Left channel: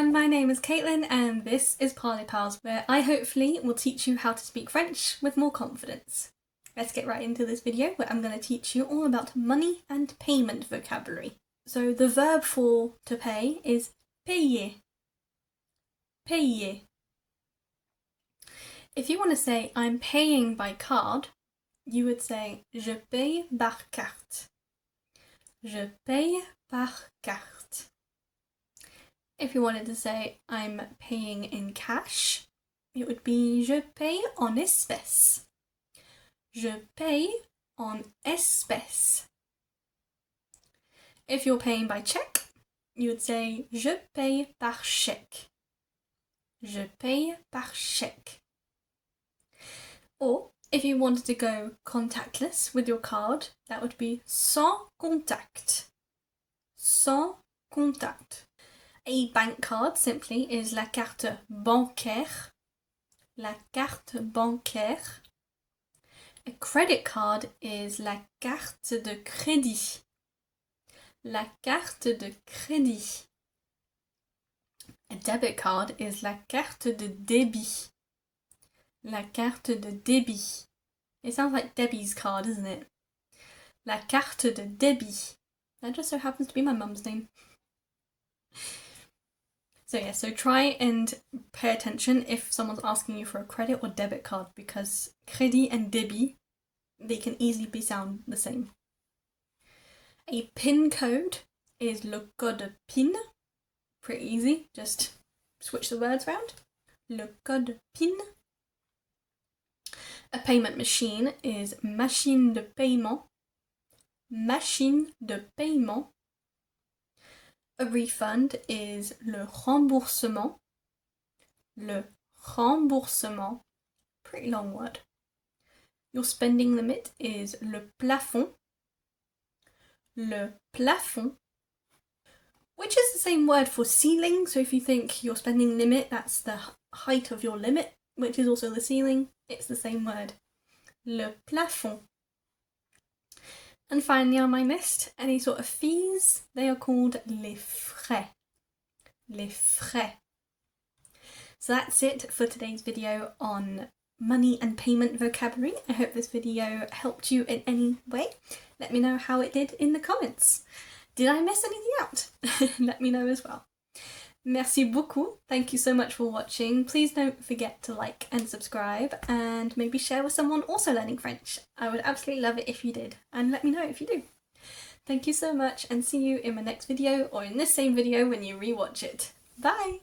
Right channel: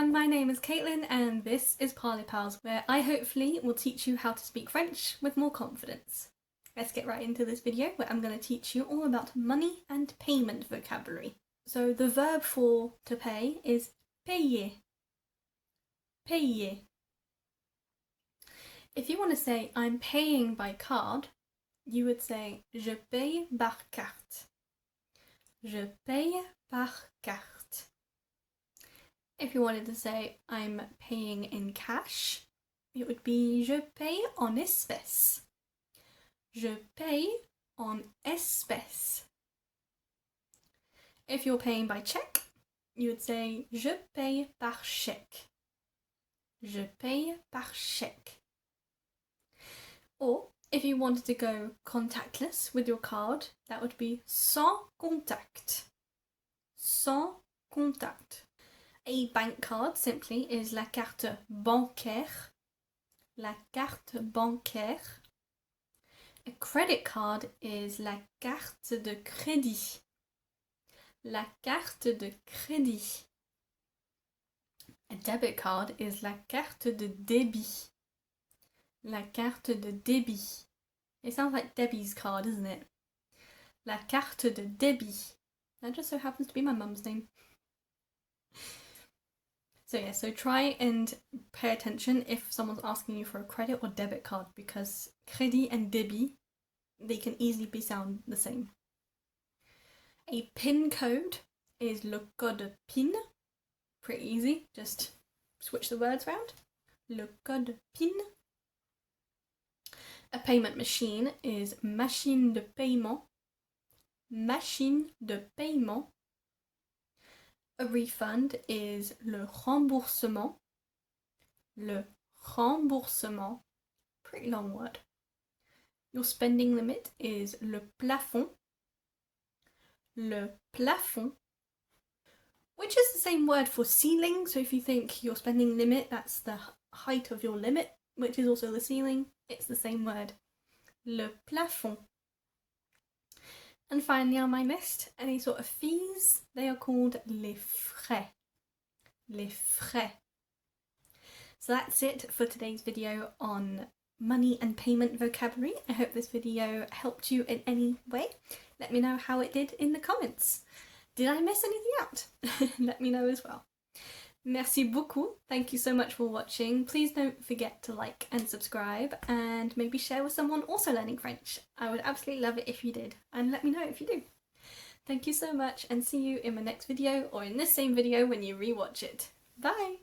everyone, my name is Caitlin and this is Parlez Pals, where I hopefully will teach you how to speak French with more confidence. Let's get right into this video where I'm going to teach you all about money and payment vocabulary. So the verb for to pay is payer. Payer. If you want to say I'm paying by card, you would say je paye par carte. Je paye par carte. If you wanted to say I'm paying in cash, it would be je paye en espèces. Je paye en espèces. If you're paying by cheque, you would say je paye par chèque. Je paye par chèque. Or if you wanted to go contactless with your card, that would be sans contact. Sans contact. A bank card simply is la carte bancaire. La carte bancaire. A credit card is la carte de crédit. La carte de crédit. A debit card is la carte de débit. La carte de débit. It sounds like Debbie's card, doesn't it? La carte de débit. That just so happens to be my mum's name. So try and pay attention if someone's asking you for a credit or debit card, because crédit and débit, they can easily be sound the same. A PIN code is le code PIN. Pretty easy, just switch the words around. Le code PIN. A payment machine is machine de paiement. Machine de paiement. A refund is le remboursement. Le remboursement. Pretty long word. Your spending limit is le plafond. Le plafond. Which is the same word for ceiling. So if you think your spending limit, that's the height of your limit, which is also the ceiling. It's the same word. Le plafond. And finally on my list, any sort of fees, they are called les frais. Les frais. So that's it for today's video on money and payment vocabulary. I hope this video helped you in any way. Let me know how it did in the comments. Did I miss anything out? Let me know as well. Merci beaucoup. Thank you so much for watching. Please don't forget to like and subscribe and maybe share with someone also learning French. I would absolutely love it if you did, and let me know if you do. Thank you so much and see you in my next video or in this same video when you rewatch it. Bye!